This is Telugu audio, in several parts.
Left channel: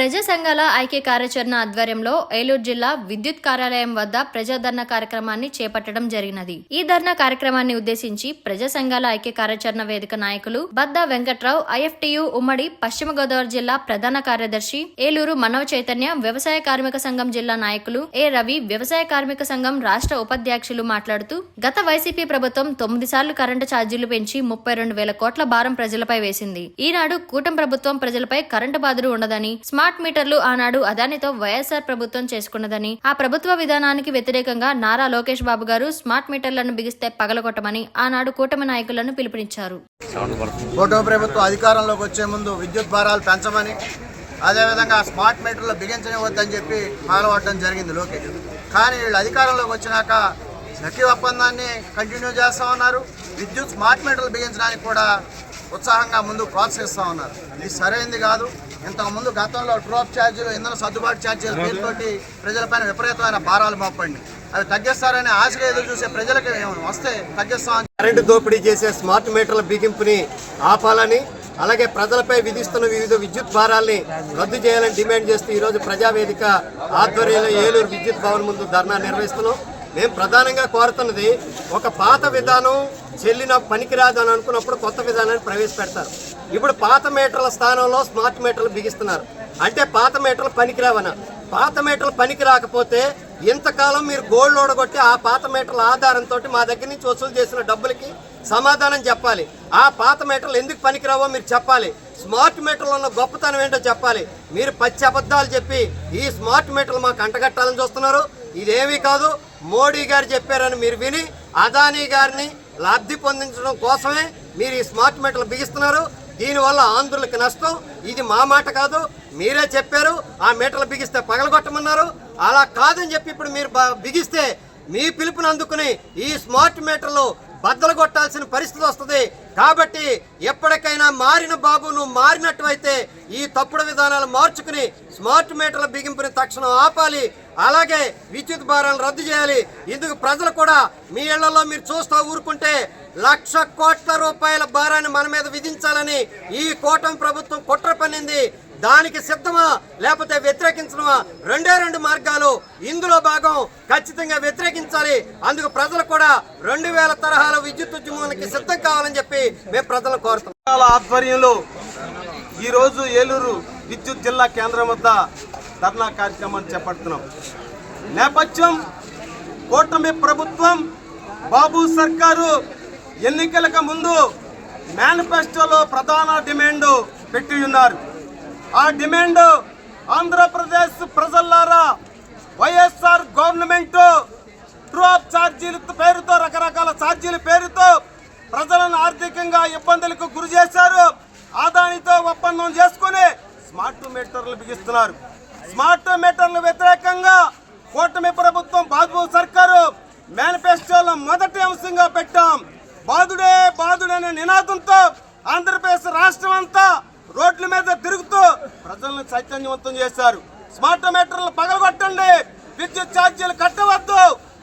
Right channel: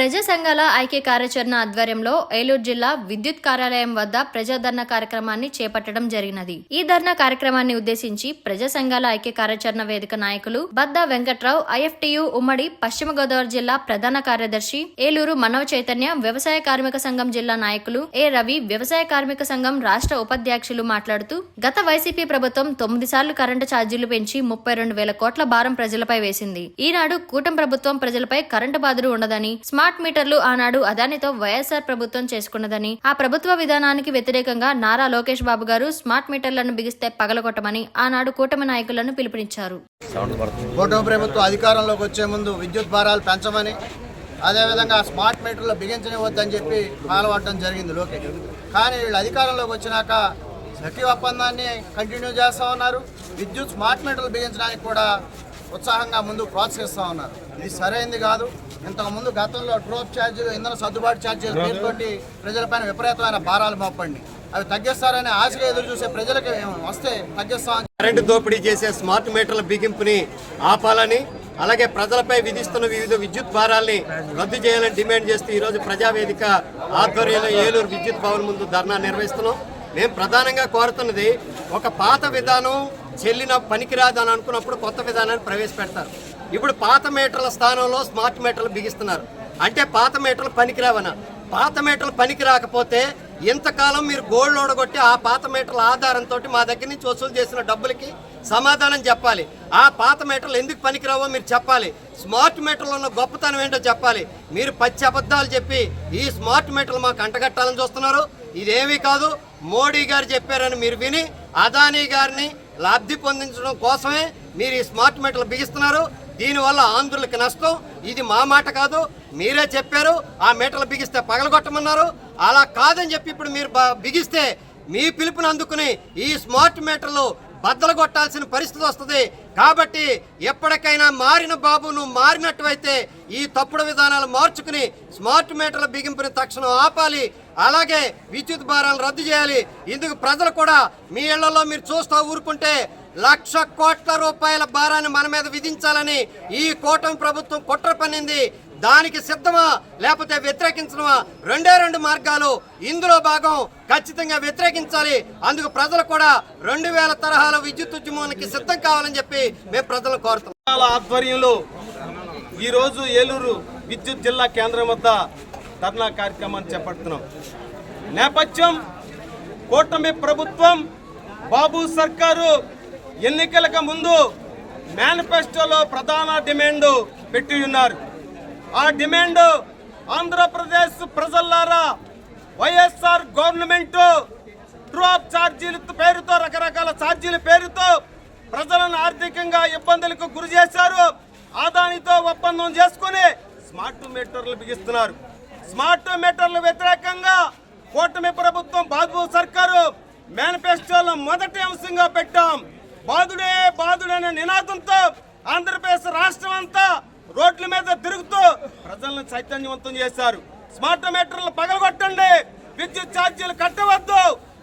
ప్రజా సంఘాల ఐక్య కార్యాచరణ ఆధ్వర్యంలో ఏలూరు జిల్లా విద్యుత్ కార్యాలయం వద్ద ప్రజా ధర్నా కార్యక్రమాన్ని చేపట్టడం జరిగినది. ఈ ధర్నా కార్యక్రమాన్ని ఉద్దేశించి ప్రజా సంఘాల ఐక్య కార్యాచరణ వేదిక నాయకులు బద్దా వెంకట్రావు, ఐఎఫ్టియు ఉమ్మడి పశ్చిమ గోదావరి జిల్లా ప్రధాన కార్యదర్శి, ఏలూరు మనవ చైతన్య వ్యవసాయ కార్మిక సంఘం జిల్లా నాయకులు ఏ రవి, వ్యవసాయ కార్మిక సంఘం రాష్ట్ర ఉపాధ్యక్షులు మాట్లాడుతూ గత వైసీపీ ప్రభుత్వం 9 సార్లు కరెంటు ఛార్జీలు పెంచి 32,000 కోట్ల భారం ప్రజలపై వేసింది. ఈనాడు కూటమి ప్రభుత్వం ప్రజలపై కరెంటు బాధలు ఉండదని, స్మార్ట్ మీటర్లు ఆనాడు అదానితో వైఎస్ఆర్ ప్రభుత్వం చేసుకున్నదని, ఆ ప్రభుత్వ విధానానికి వ్యతిరేకంగా నారా లోకేష్ బాబు గారు స్మార్ట్ మీటర్లను బిగిస్తే పగలగొట్టమని ఆనాడు కూటమి నాయకులను పిలుపునిచ్చారు. కూటమి ప్రభుత్వం అధికారంలోకి వచ్చే ముందు విద్యుత్ భారాలు పెంచమని, అదేవిధంగా స్మార్ట్ మీటర్లు బిగించనివద్దని చెప్పి మాలవట్టడం జరిగింది లోకేష్. కానీ వీళ్ళు అధికారంలోకి వచ్చినాక సఖీ ఒప్పందాన్ని కంటిన్యూ చేస్తూ ఉన్నారు. విద్యుత్ స్మార్ట్ మీటర్లు బిగించడానికి కూడా ఉత్సాహంగా ముందు ప్రోత్సహిస్తూ ఉన్నారు. ఇది సరైనది కాదు. ఇంతకుముందు గతంలో డ్రాప్ ఛార్జీలు, ఇంధన సర్దుబాటు ఛార్జీల పేరుతోటి ప్రజలపైన విపరీతమైన భారాలు మోపండి. అవి తగ్గిస్తారని ఆశగా ఎదురు చూసే ప్రజలకి వస్తే తగ్గిస్తామని, కరెంటు దోపిడీ చేసే స్మార్ట్ మీటర్ల బిగింపుని ఆపాలని, అలాగే ప్రజలపై విధిస్తున్న వివిధ విద్యుత్ భారాల్ని రద్దు చేయాలని డిమాండ్ చేస్తూ ఈరోజు ప్రజావేదిక ఆధ్వర్యంలో ఏలూరు విద్యుత్ భవన్ ముందు ధర్నా నిర్వహిస్తున్నాం. మేము ప్రధానంగా కోరుతున్నది, ఒక పాత విధానం చెల్లిన పనికిరాదు అని అనుకున్నప్పుడు కొత్త విధానాన్ని ప్రవేశపెడతారు. ఇప్పుడు పాత మీటర్ల స్థానంలో స్మార్ట్ మీటర్లు బిగిస్తున్నారు. అంటే పాత మీటర్లు పనికిరావనా? పాత మీటర్లు పనికి రాకపోతే ఇంతకాలం మీరు గోల్డ్ ఓడగొట్టి ఆ పాత మీటర్ల ఆధారంతో మా దగ్గర నుంచి వసూలు చేసిన డబ్బులకి సమాధానం చెప్పాలి. ఆ పాత మీటర్లు ఎందుకు పనికిరావో మీరు చెప్పాలి. స్మార్ట్ మీటర్లు ఉన్న గొప్పతనం ఏంటో చెప్పాలి. మీరు పచ్చి అబద్ధాలు చెప్పి ఈ స్మార్ట్ మీటర్లు మాకు అంటగట్టాలని చూస్తున్నారు. ఇదేమీ కాదు, మోడీ గారు చెప్పారని మీరు విని అదానీ గారిని లబ్ధి పొందించడం కోసమే మీరు ఈ స్మార్ట్ మీటర్లు బిగిస్తున్నారు. దీనివల్ల ఆంధ్రులకి నష్టం. ఇది మా మాట కాదు, మీరే చెప్పారు. ఆ మీటర్లు బిగిస్తే పగలగొట్టమన్నారు. అలా కాదని చెప్పి ఇప్పుడు మీరు బిగిస్తే మీ పిలుపుని అందుకుని ఈ స్మార్ట్ మీటర్లు బద్దలు కొట్టాల్సిన పరిస్థితి వస్తుంది. కాబట్టి ఎప్పటికైనా మారిన బాబు, నువ్వు మారినట్టువైతే ఈ తప్పుడు విధానాలు మార్చుకుని స్మార్ట్ మీటర్ల బిగింపుని తక్షణం ఆపాలి. అలాగే విద్యుత్ భారాలను రద్దు చేయాలి. ఇందుకు ప్రజలు కూడా మీ ఇళ్లలో మీరు చూస్తూ ఊరుకుంటే 1,00,000 కోట్ల రూపాయల భారాన్ని మన మీద విధించాలని ఈ కూటమి ప్రభుత్వం కుట్ర పన్నింది. దానికి సిద్ధమా లేకపోతే వ్యతిరేకించడమా? రెండు మార్గాలు. ఇందులో భాగం ఖచ్చితంగా వ్యతిరేకించాలి. అందుకు ప్రజలు కూడా 2000 తరహాల విద్యుత్ ఉద్యమానికి సిద్ధం కావాలని చెప్పి మేము ప్రజలను కోరుతున్నాం. ఆధ్వర్యంలో ఈరోజు ఏలూరు విద్యుత్ జిల్లా కేంద్రం వద్ద ధర్నా కార్యక్రమాన్ని చేపడుతున్నాం. నేపథ్యం, కూటమి ప్రభుత్వం, బాబు సర్కారు ఎన్నికలకు ముందు మేనిఫెస్టోలో ప్రధాన డిమాండ్ పెట్టి ఉన్నారు. ఆ డిమాండ్, ఆంధ్రప్రదేశ్ ప్రజలారా, వైఎస్ఆర్ గవర్నమెంట్ డ్రాప్ ఛార్జీల పేరుతో, రకరకాల ఛార్జీల పేరుతో ప్రజలను ఆర్థికంగా ఇబ్బందులకు గురి చేశారు. అదానితో ఒప్పందం చేసుకుని స్మార్ట్ మీటర్లు బిగిస్తున్నారు. స్మార్ట్ మీటర్ల వ్యతిరేకంగా కూటమి ప్రభుత్వం, బాబు సర్కారు మేనిఫెస్టోలో మొదటి అంశంగా పెట్టాం. బాధుడే బాధుడనే నినాదంతో ఆంధ్రప్రదేశ్ రాష్ట్రం అంతా రోడ్ల మీద తిరుగుతూ ప్రజలను చైతన్యవంతం చేశారు. స్మార్ట్ మీటర్లు పగలగొట్టండి, విద్యుత్ ఛార్జీలు కట్టవద్దు,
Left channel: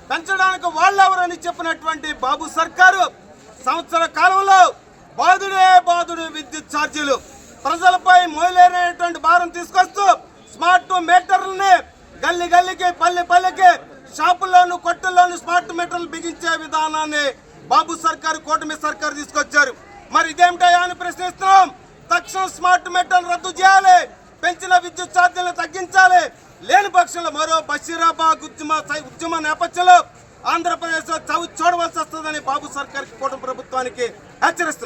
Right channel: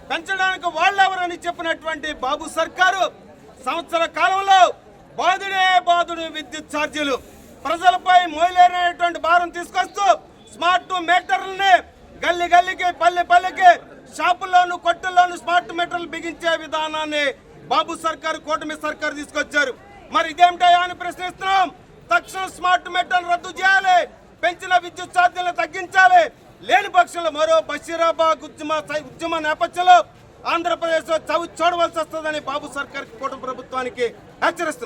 పెంచడానికి వాళ్ళెవరని చెప్పినటువంటి బాబు సర్కారు సంవత్సర కాలంలో బాధుడే బాధుడు విద్యుత్ ఛార్జీలు ప్రజలపై మోయలేనటువంటి భారం తీసుకొస్తూ స్మార్ట్ మీటర్లని గల్లి గల్లికి, పల్లె పల్లెకి, షాపుల్లోను, కొట్టుల్లోను స్మార్ట్ మీటర్లు బిగించే విధానాన్ని బాబు సర్కారు, కూటమి సర్కారు తీసుకొచ్చారు. మరి ఇదేమిటా అని ప్రశ్నిస్తున్నాం. తక్షణం స్మార్ట్ మీటర్లు రద్దు చేయాలి, పెంచిన విద్యుత్ ఛార్జీలను తగ్గించాలి. లేని పక్షంలో మరో బషీరాబాద్ ఉద్యమ నేపథ్యంలో ఆంధ్రప్రదేశ్లో చవి చూడవలసి వస్తుందని బాబు సర్కార్, కూటమి ప్రభుత్వానికి హెచ్చరిస్తున్నాం.